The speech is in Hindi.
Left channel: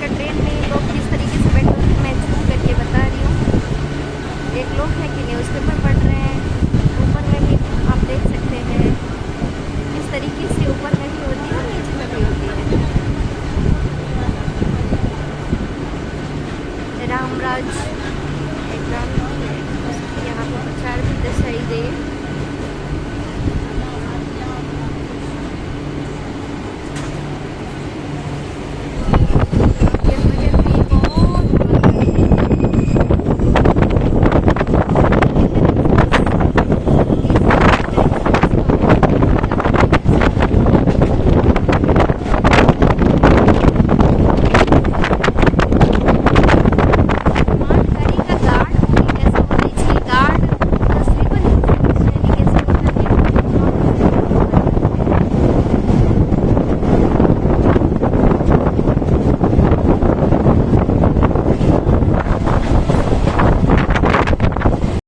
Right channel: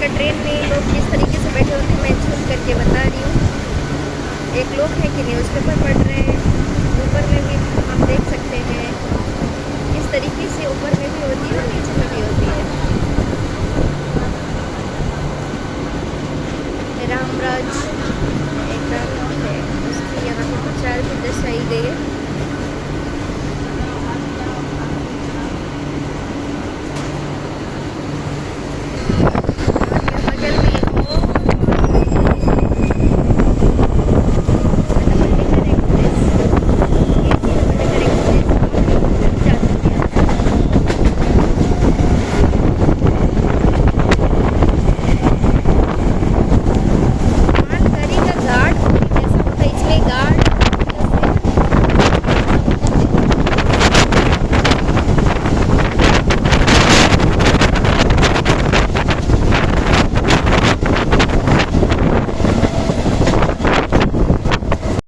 का ट्रेन में लोग किस तरीके से बैठे होते हैं मैं झूम करके बता रही हूँ। एक लोग हैं कि न्यूज़पेपर पढ़ रहे हैं। ऊपर में भी आप देख सकते हैं किस तरीके से ऊपर में भी होती